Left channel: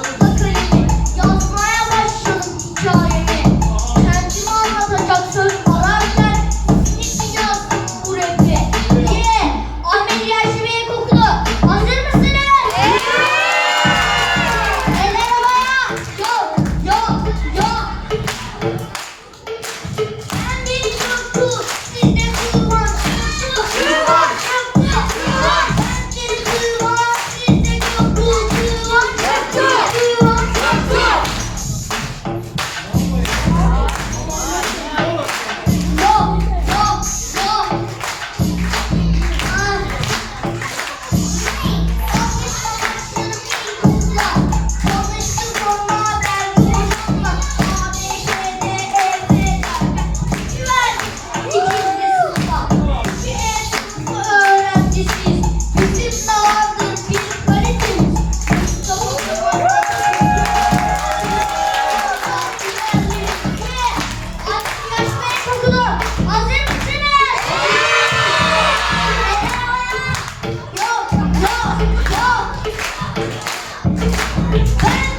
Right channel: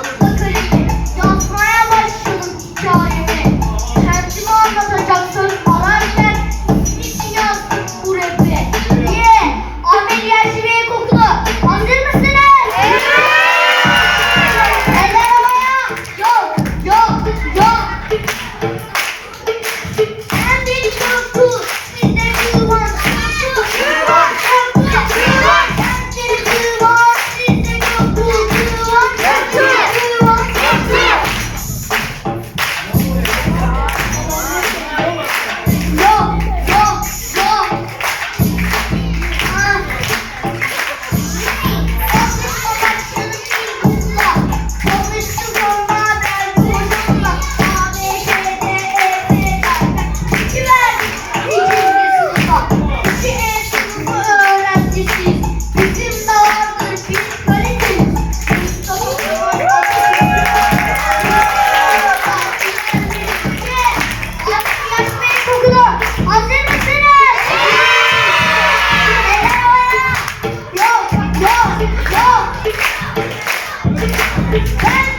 Thank okay. you. ¡Hey!